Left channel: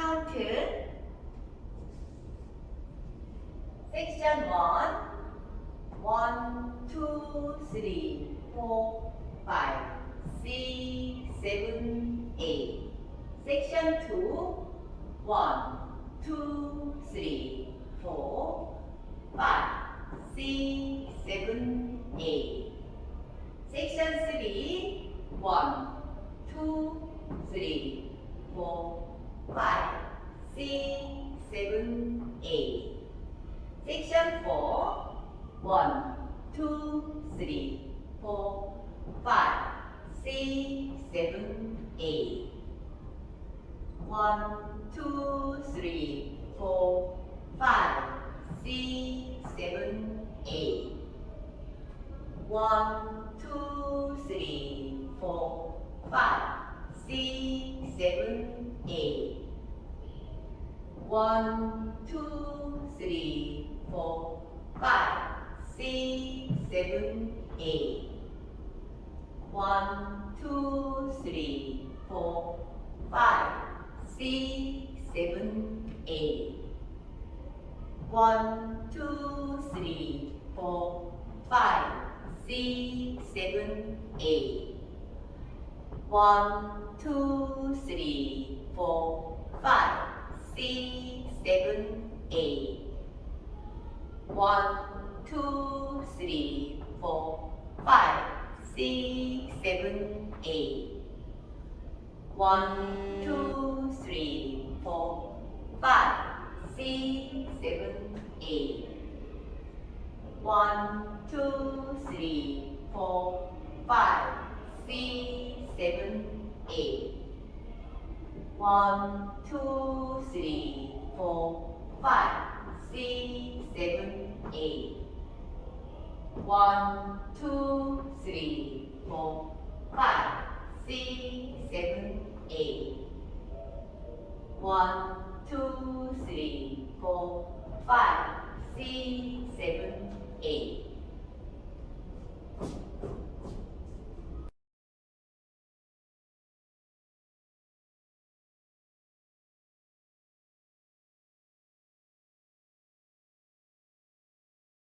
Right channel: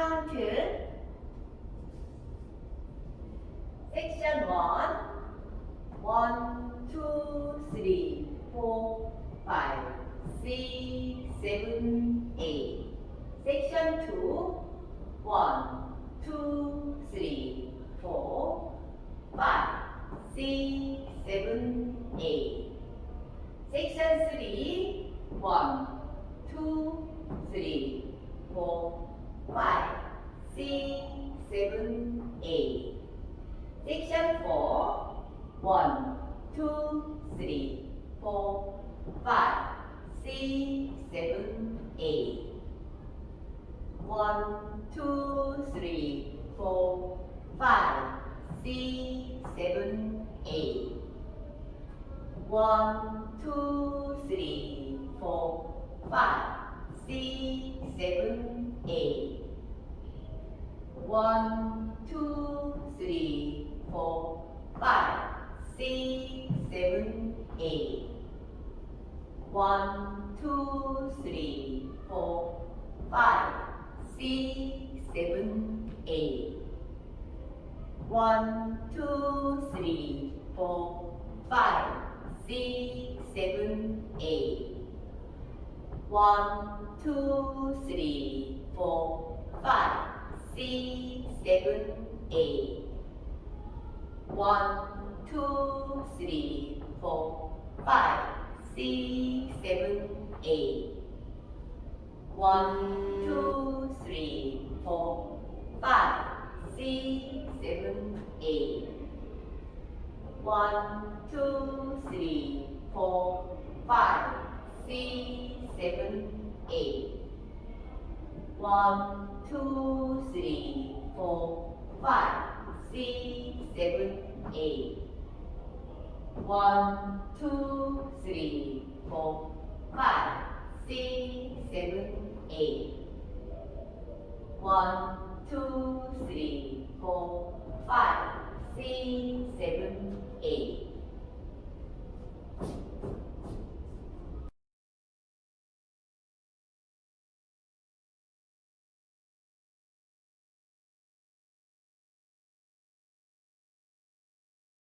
count section 1 1 2 3 4 5 6 7 8 section 2 1 2 3 4 5 6 7 8 section 3 1 2 3 4 5 6 7 8 section 4 1 2 3 4 5 6 7 8 1 2 3 4 5 6 7 8 1 2 3 4 5 6 7 8 1 2 3 4 5 6 7 8 1 2 3 4 5 6 7 8 1 2 3 4 5 6 7 8 1 2 3 4 5 6 7 8 1 2 3 4 5 6 7 8 1 2 3 4 5 6 7 8 1 2 3 4 5 6 7 8 1 2 3 4 5 6 7 8 1 2 3 4 5 6 7 8 1 2 3 4 5 6 7 8